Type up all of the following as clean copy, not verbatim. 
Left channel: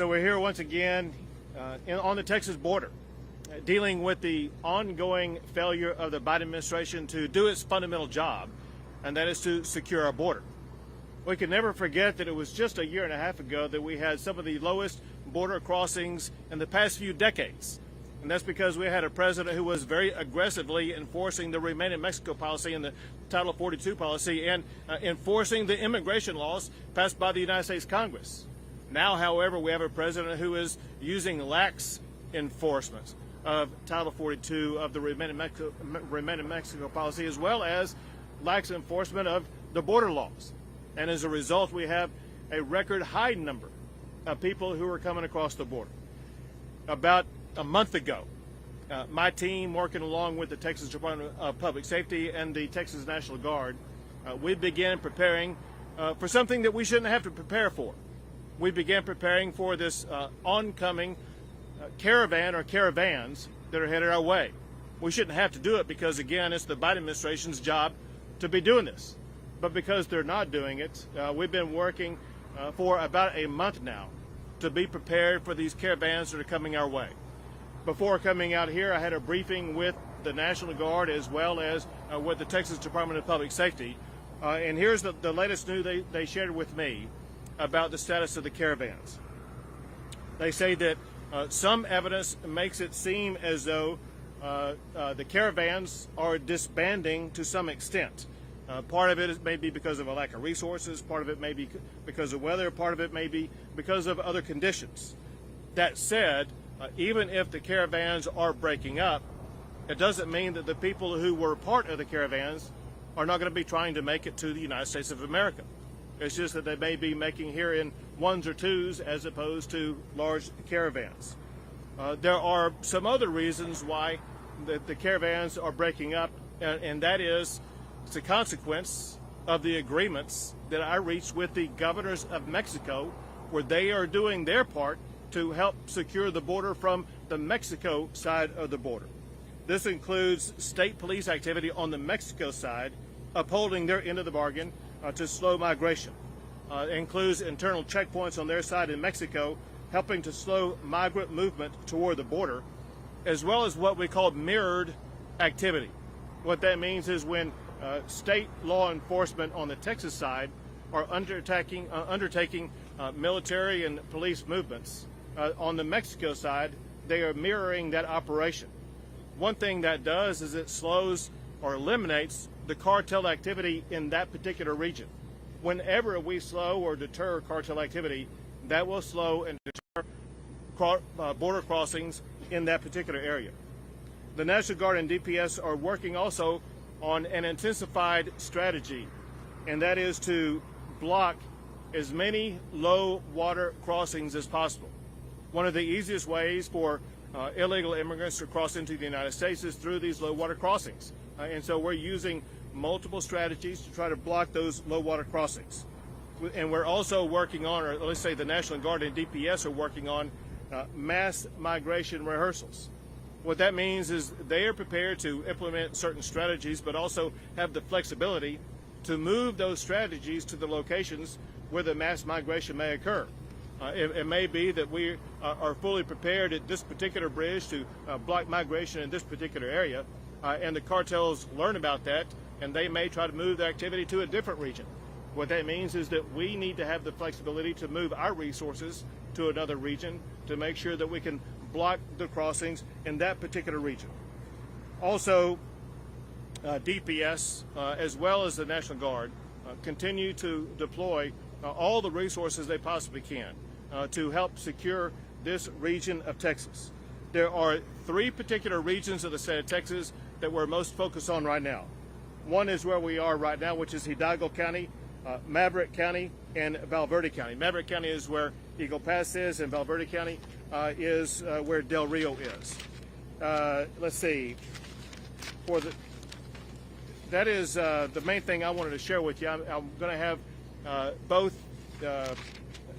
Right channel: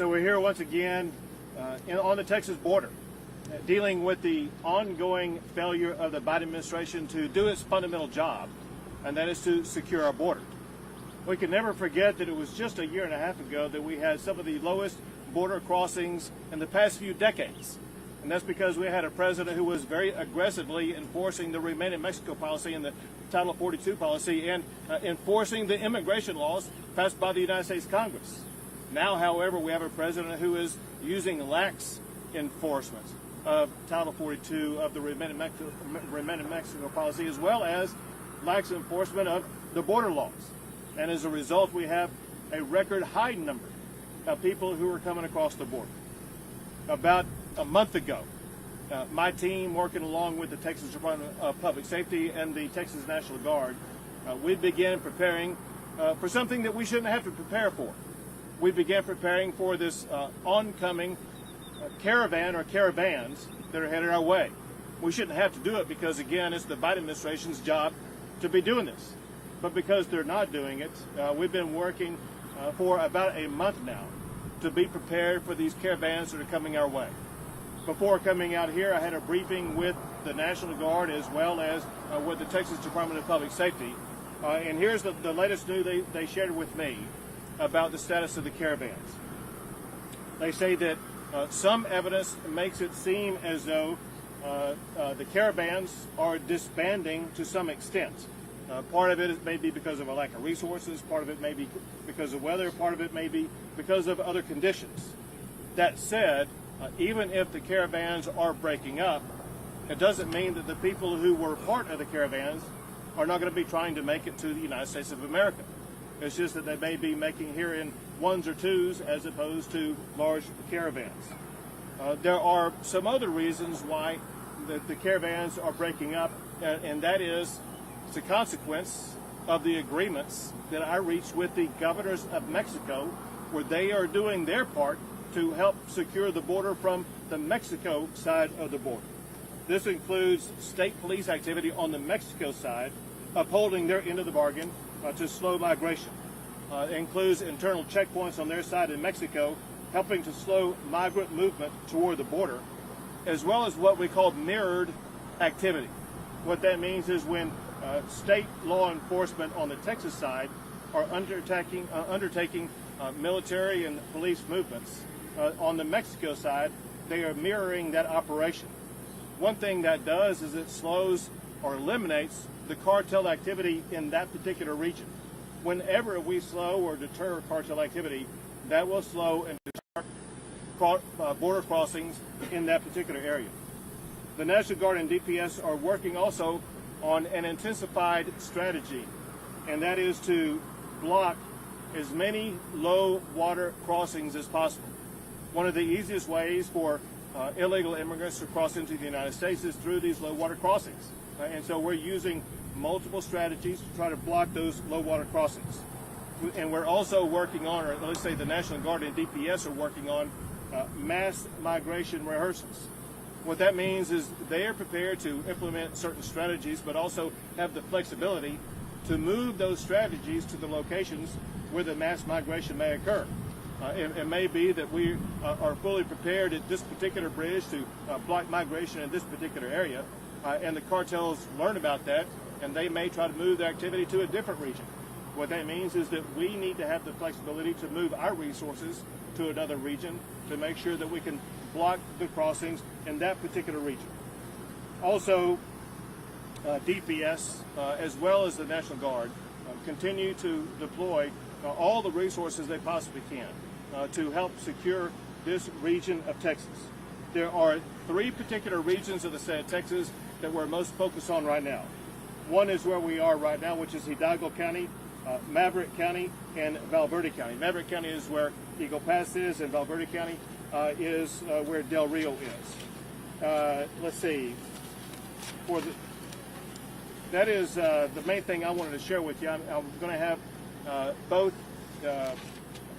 So we're here once again on the Texas border, dealing with the ongoing failure of the Biden administration to do its fundamental job, and that is to secure our border. We can never forget that it was just a year and a half ago that we had some of the lowest border crossings in the past few decades. And that's because we had a president who was very aggressively enforcing the Remain in Mexico policy and the Title 42 policy and enforcing the immigration laws passed by the United States Congress. Now, however, we have a president who is using lax enforcement of Title 42 of the Remain in Mexico policy, as well as lax enforcement of the border laws. And as a result, we have a record high number of people who are coming across the border. About a month ago, my team, working along with the Texas Department of Public Safety and the Texas National Guard, we began preparing for something that we shouldn't have to prepare for. We began preparing for this oncoming caravan or caravans that are headed our way. We shouldn't have to do it because, again, it's the Biden administration's job to be doing this. But because they're not doing it, we've been working for about a month now to be prepared for these caravans that are coming our way. Before coming out here, I had a briefing with the National Guard as well as with the Texas Department of Public Safety. And here's the latest news they shared with me about the status of the caravans. They say that some evidence makes it seem as though the caravans are disbanding to some extent. Part of it may be because of a lack of resources, part of it may be because of weather, part of it may be because of other conditions. That said, even if the caravans are breaking up, it doesn't mean that the people who were part of the caravans are not going to be trying to make it to the United States of America. It's just that they may be making here in ones or twos as opposed to large caravans. There are some other reasons why the caravans are breaking up, and that is it's a consequence of the agreements that I reached with the governors of Mexico, where they are doing their part to help secure the border from the Mexico side of the border. This includes state police activity on the Mexico side, upholding their end of the bargain to slow migration. It includes internal checkpoints on their side in Mexico, helping to slow migrant movement toward the border, as well as what we call mirrored activity. What that means is when state law enforcement on the Texas side are undertaking military and police movements, on the Mexico side, they are mirroring that operation. One thing that does is it slows or eliminates the cartel activity in that particular region. Whenever we slow or deter cartel activity, that will slow and deter border crossings in that particular area. The National Guard and DPS are working also on an intensified strategy, and that is to block as many low water crossings as possible. One of the easiest ways for illegal immigrants to cross into the United States is through these low water crossings. And so we're using multiple strategies to try to block those low water crossings. And we're also working on, or let's say the National Guard and DPS are working on mass migration rehearsals. What that means is they are prepared to implement certain strategies, but also have the flexibility to move those strategies to the locations where the mass migration may occur. It may be that we are fully prepared at this particular bridge to block migration in this particular area, and the cartels learn about that, and they may try to move their activity to a different region. What that means is that we need to have the flexibility to move our resources to another region to make sure that we can block the crossings in that particular region. Also, DPS, as well as the National Guard, continue to deploy all the resources they possibly can to help secure this region of Texas. There are three particular regions of the state of Texas that we're most focused on right now. One is where we are right now, which is Hidalgo County, Maverick County, and Valverde County. Maverick County is where Eagle Pass is, and Valverde County is where Del Rio is. Let's see. That is the main thing I wanted to share with you. I'm going to have both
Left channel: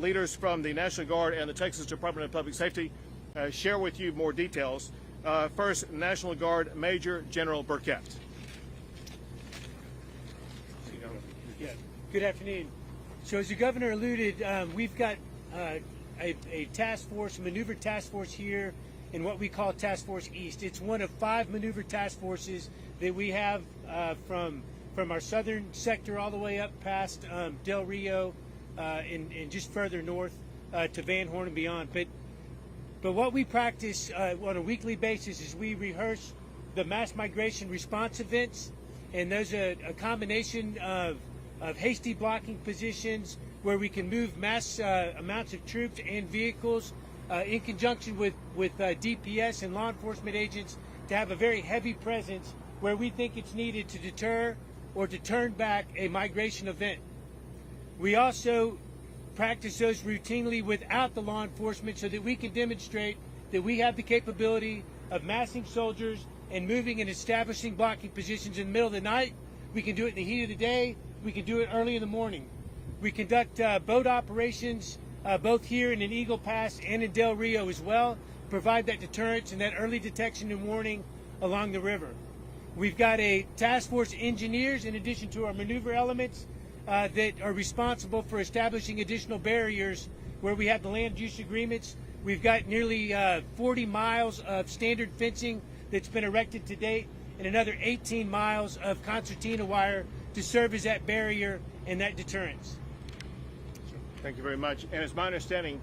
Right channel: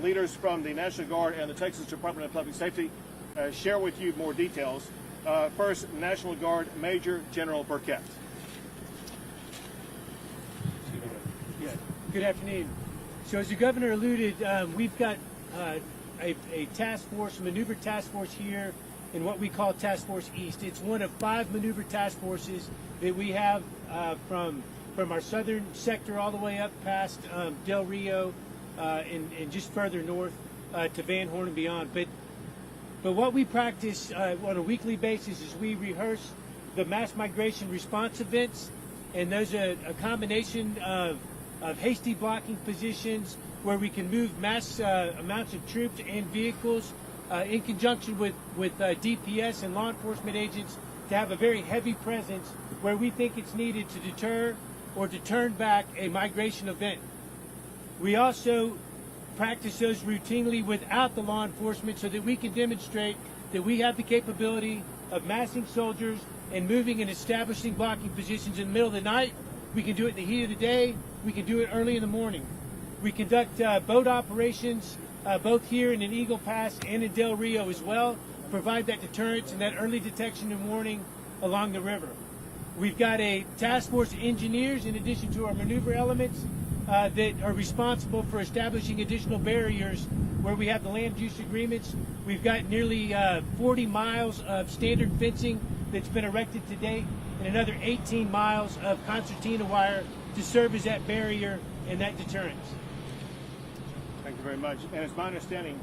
leaders from the National Guard and the Texas Department of Public Safety share with you more details. First, National Guard Major General Burkett. Yeah. Good afternoon. So as the governor alluded, we've got a task force, maneuver task force here in what we call Task Force East. It's one of 5 maneuver task forces that we have from our southern sector all the way up past Del Rio and just further north to Van Horn and beyond. But what we practice on a weekly basis is we rehearse the mass migration response events, and those are a combination of hasty blocking positions where we can move mass amounts of troops and vehicles in conjunction with DPS and law enforcement agents to have a very heavy presence where we think it's needed to deter or to turn back a migration event. We also practice those routinely without the law enforcement so that we can demonstrate that we have the capability of massing soldiers and moving and establishing blocking positions in the middle of the night. We can do it in the heat of the day. We can do it early in the morning. We conduct boat operations both here in Eagle Pass and in Del Rio as well, provide that deterrence and that early detection and warning along the river. We've got a task force of engineers in addition to our maneuver elements that are responsible for establishing additional barriers where we have the land use agreements. We've got nearly 40 miles of standard fencing that's been erected to date and another 18 miles of concertina wire to serve as that barrier and that deterrence. Thank you very much. And it's my understanding,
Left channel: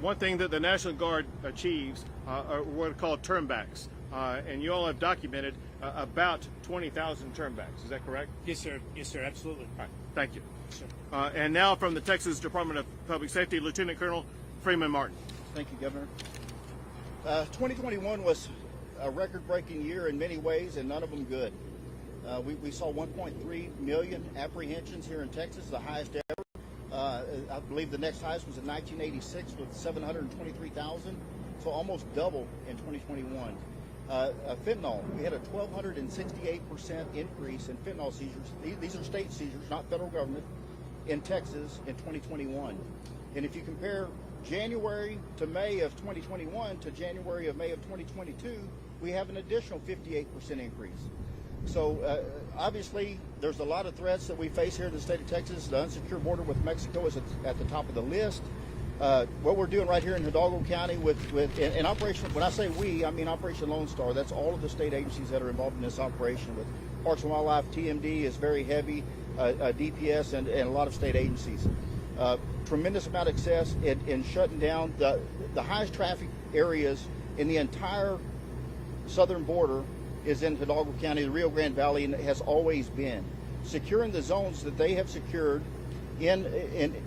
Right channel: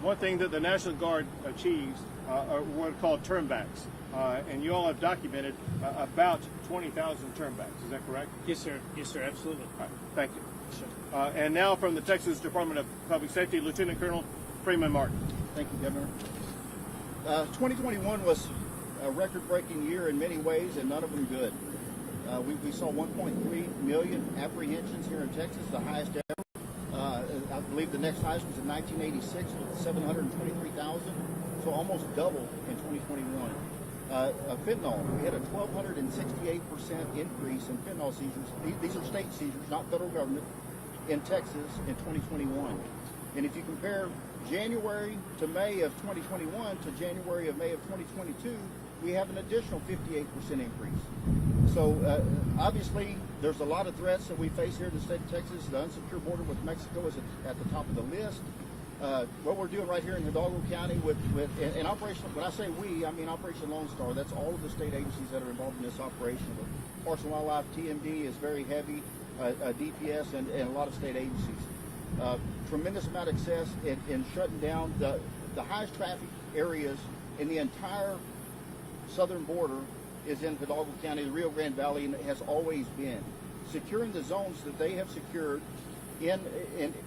one thing that the National Guard achieves are what are called turnbacks. And you all have documented about 20,000 turnbacks. Is that correct? Yes, sir. Yes, sir. Absolutely. All right. Thank you. Sure. And now from the Texas Department of Public Safety, Lieutenant Colonel Freeman Martin. Thank you, Governor. 2021 was a record-breaking year in many ways, and none of them good. We saw 1.3 million apprehensions here in Texas, the highest ever. I believe the next highest was in 1986 with 723,000, so almost double in 2021. Fentanyl, we had a 1,268% increase in fentanyl seizures. These are state seizures, not federal government, in Texas in 2021. And if you compare January to May of 2021 to January of May of 2022, we have an additional 58% increase. So obviously, there's a lot of threats that we face here in the state of Texas. The unsecure border with Mexico is at the top of the list. What we're doing right here in Hidalgo County with Operation, when I say we, I mean Operation Lone Star. That's all of the state agencies that are involved in this operation. With Parks and Wildlife, TMD is very heavy, DPS, and a lot of state agencies. Tremendous amount of success in shutting down the highest traffic areas in the entire southern border is in Hidalgo County, the Rio Grande Valley, and it has always been. Securing the zones that they have secured in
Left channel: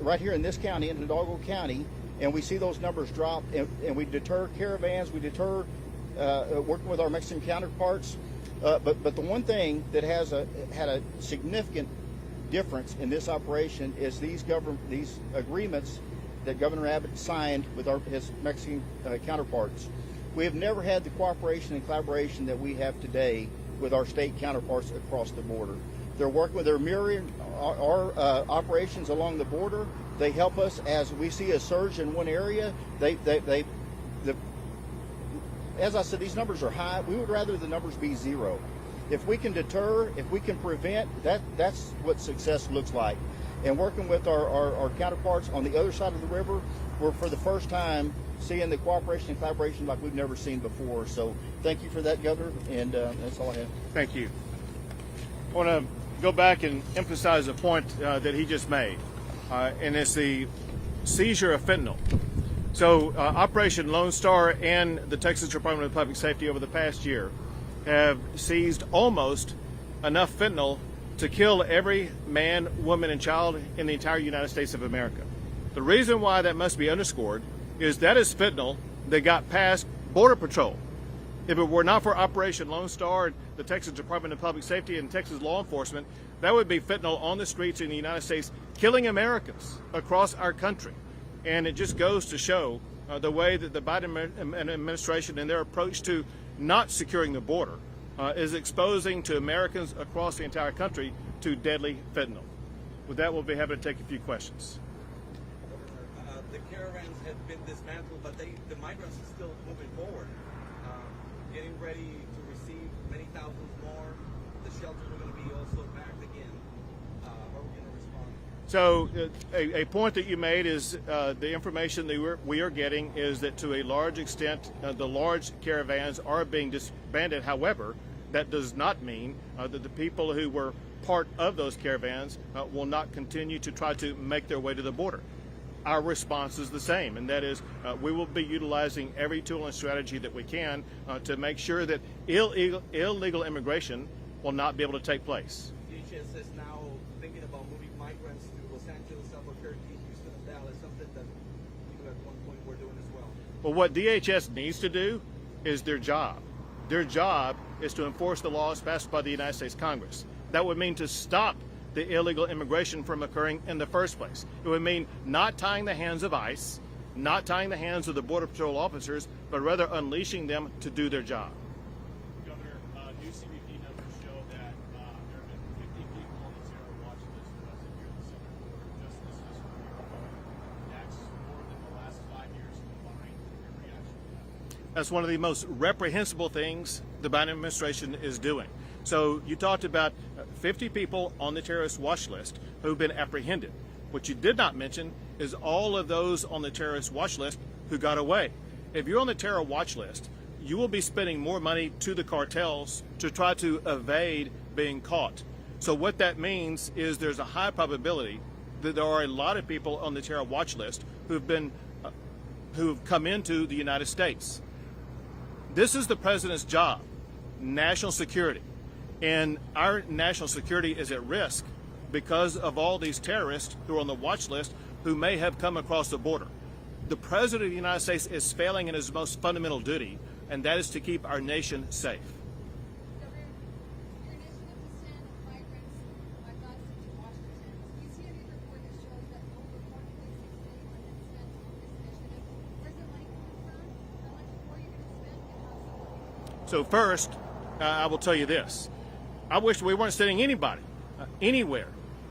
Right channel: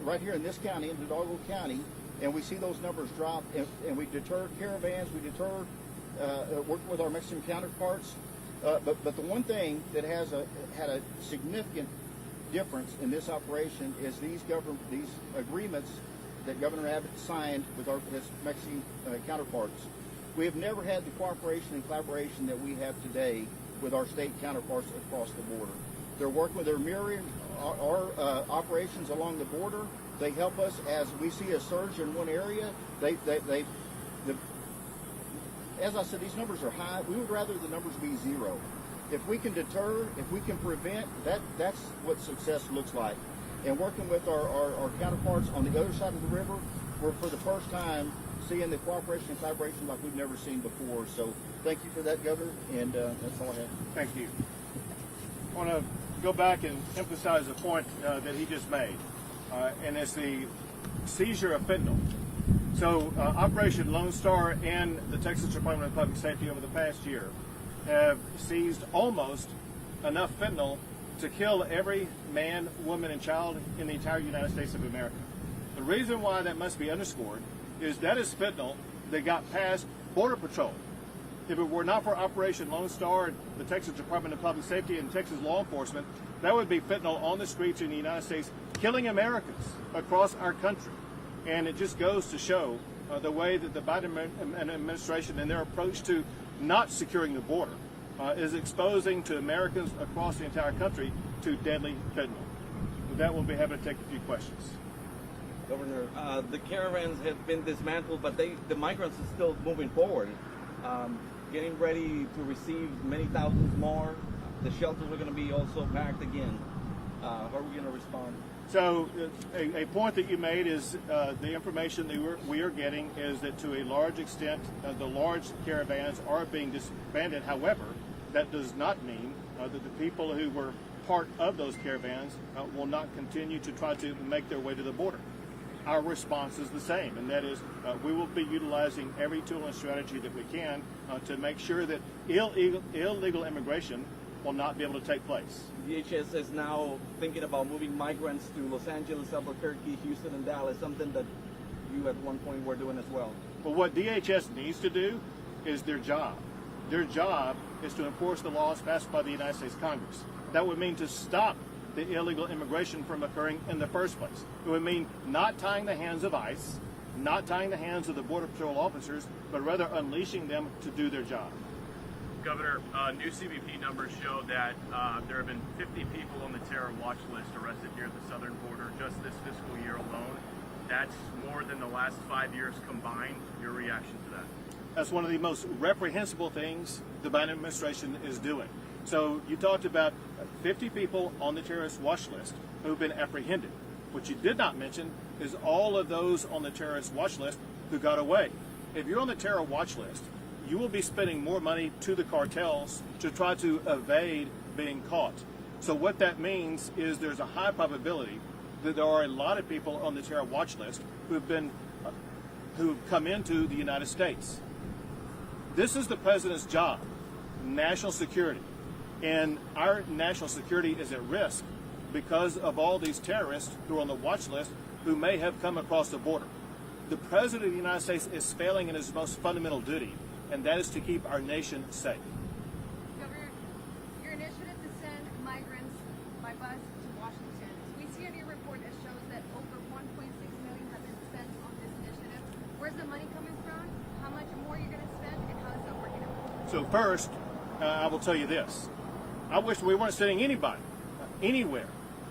right here in this county, in Hidalgo County, and we see those numbers drop, and we deter caravans, we deter working with our Mexican counterparts. But the one thing that had a significant difference in this operation is these agreements that Governor Abbott signed with his Mexican counterparts. We have never had the cooperation and collaboration that we have today with our state counterparts across the border. They're working with their myriad our operations along the border. They help us as we see a surge in one area. As I said, these numbers are high. We would rather the numbers be zero. If we can deter, if we can prevent, that's what success looks like. And working with our counterparts on the other side of the river, we're for the first time seeing the cooperation and collaboration like we've never seen before. So thank you for that, Governor, and that's all I have. Thank you. I want to go back and emphasize a point that he just made, and it's the seizure of fentanyl. So Operation Lone Star and the Texas Department of Public Safety over the past year have seized almost enough fentanyl to kill every man, woman, and child in the entire United States of America. The reason why that must be underscored is that is fentanyl that got past Border Patrol. If it were not for Operation Lone Star, the Texas Department of Public Safety, and Texas law enforcement, that would be fentanyl on the streets in the United States, killing Americans across our country. And it just goes to show the way that the Biden administration and their approach to not securing the border is exposing to Americans across the entire country to deadly fentanyl. With that, we'll be happy to take a few questions. Governor, the caravans have been dismantled, but the migrants are still moving forward, getting ready to receive many thousands more. The shelters are going to be also packed again. How are we going to respond? So a point that you made is the information that we are getting is that to a large extent the large caravans are being disbanded. However, that does not mean that the people who were part of those caravans will not continue to try to make their way to the border. Our response is the same, and that is we will be utilizing every tool and strategy that we can to make sure that illegal immigration will not be able to take place. DHS is now thinking about moving migrants to Los Angeles, Albuquerque, Houston, and Dallas, something that you at one point were doing as well. Well, what DHS needs to do is their job. Their job is to enforce the laws passed by the United States Congress. That would mean to stop the illegal immigration from occurring in the first place. It would mean not tying the hands of ICE, not tying the hands of the Border Patrol officers, but rather unleashing them to do their job. Governor, new CBP numbers show that there have been 50 people on the terror watch list arrested here at the southern border just this fiscal year alone. That's more than the last 5 years combined. Your reaction to that? That's one of the most reprehensible things the Biden administration is doing. So you talked about 50 people on the terrorist watch list who've been apprehended. What you did not mention is all of those on the terrorist watch list who got away. If you're on the terror watch list, you will be spending more money to the cartels to try to evade being caught. So what that means is there's a high probability that there are a lot of people on the terror watch list who've come into the United States. This is the president's job, national security. And our national security is at risk because of all these terrorists who are on the watch list who may have come across the border. The president of the United States is failing in his most fundamental duty, and that is to keep our nation safe. Governor, your initiative to send migrants by bus to Washington. We see a new report that shows that over $1.6 million has been spent on this initiative. Where's the money coming from? How much more are you going to spend, and how is that working out? So first, I will tell you this. I wish we weren't sending anybody anywhere.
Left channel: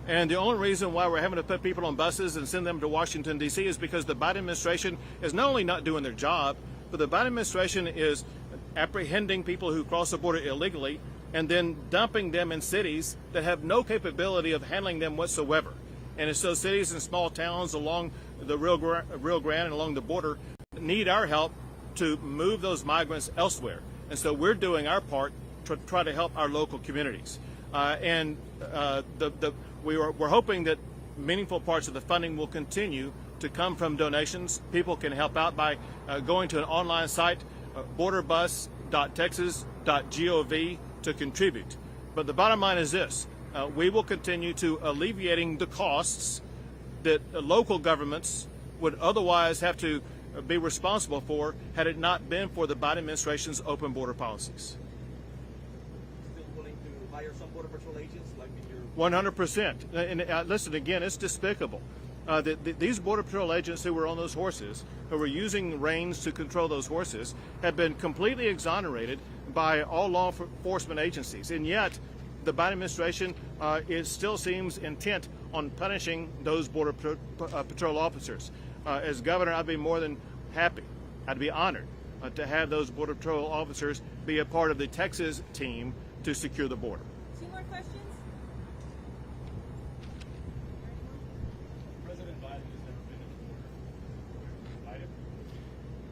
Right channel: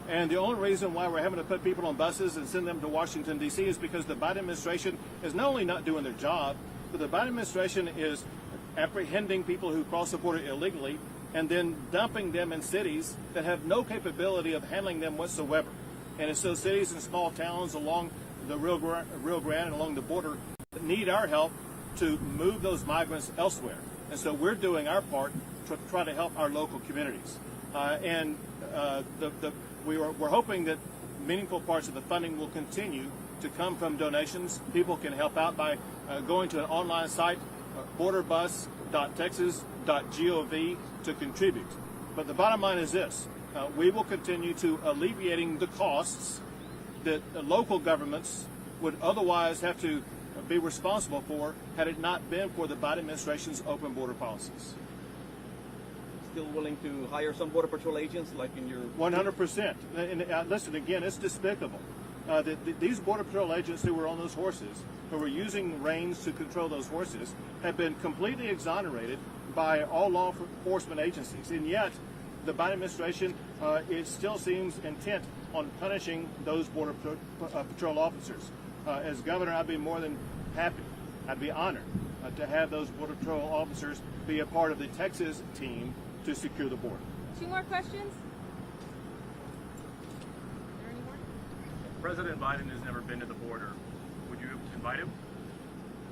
And the only reason why we're having to put people on buses and send them to Washington, D.C. is because the Biden administration is not only not doing their job, but the Biden administration is apprehending people who cross the border illegally and then dumping them in cities that have no capability of handling them whatsoever. And it's those cities and small towns along the Rio Grande and along the border that need our help to move those migrants elsewhere. And so we're doing our part to try to help our local communities. We're hoping that meaningful parts of the funding will continue to come from donations. People can help out by going to an online site, borderbus.texas.gov, to contribute. But the bottom line is this. We will continue to alleviating the costs that local governments would otherwise have to be responsible for had it not been for the Biden administration's open border policies. Still willing to hire some Border Patrol agents like in your... 100%. And listen, again, it's despicable. These Border Patrol agents who were on those horses, who were using the reins to control those horses, have been completely exonerated by all law enforcement agencies. And yet, the Biden administration, it still seems intent on punishing those Border Patrol officers. As governor, I'd be more than happy, I'd be honored to have those Border Patrol officers be a part of the Texas team to secure the border. 2 more questions? President Biden has never been to the border. Would you invite him?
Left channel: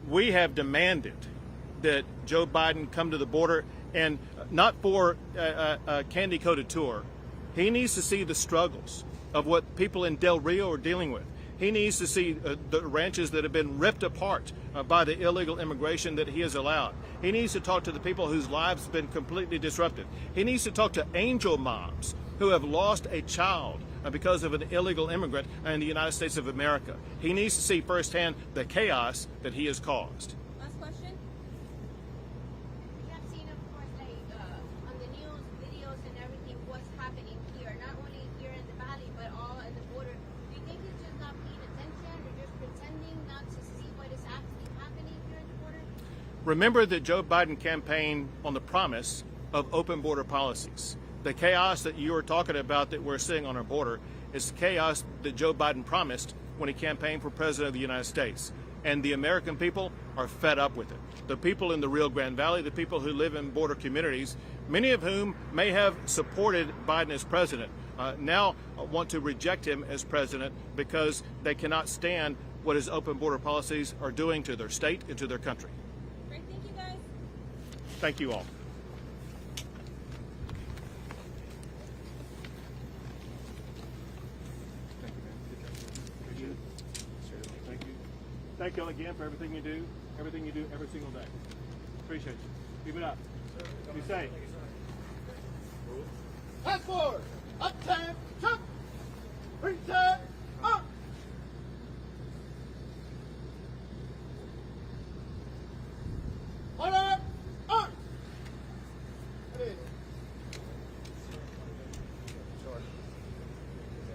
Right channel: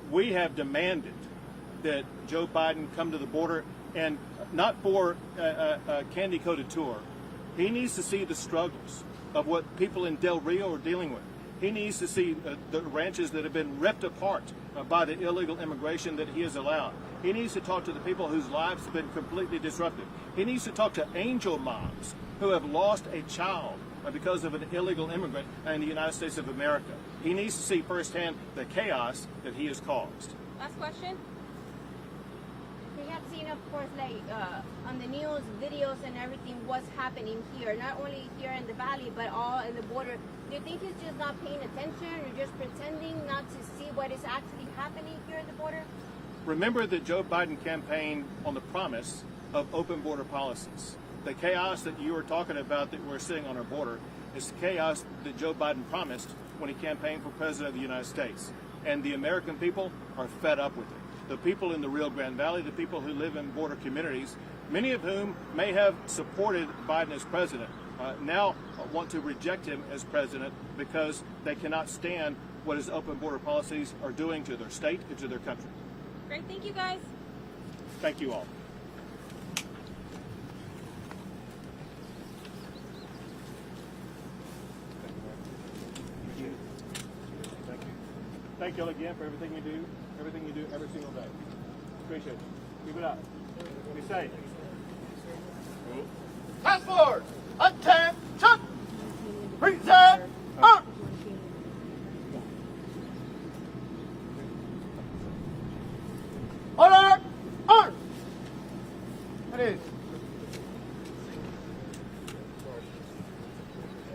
We have demanded that Joe Biden come to the border, and not for a candy-coated tour. He needs to see the struggles of what people in Del Rio are dealing with. He needs to see the ranches that have been ripped apart by the illegal immigration that he has allowed. He needs to talk to the people whose lives have been completely disrupted. He needs to talk to angel moms who have lost a child because of an illegal immigrant in the United States of America. He needs to see firsthand the chaos that he has caused. Last question? We have seen, of course, like on the news, videos and everything, what's happening here, not only here in the valley, but all in the border. Do you think he's just not paying attention or just pretending not to see what is actually happening here at the border? Remember that Joe Biden campaigned on the promise of open border policies. The chaos that you are talking about that we're seeing on our border is chaos that Joe Biden promised when he campaigned for president of the United States. And the American people are fed up with it. The people in the Rio Grande Valley, the people who live in border communities, many of whom may have supported Biden as president, now want to reject him as president because they cannot stand what his open border policies are doing to their state and to their country. Great, thank you guys. Thank you all. Thank you. Thank you all again for everything you do every single day. Appreciate you. Keep it up. Be safe. Task force, attention! Present!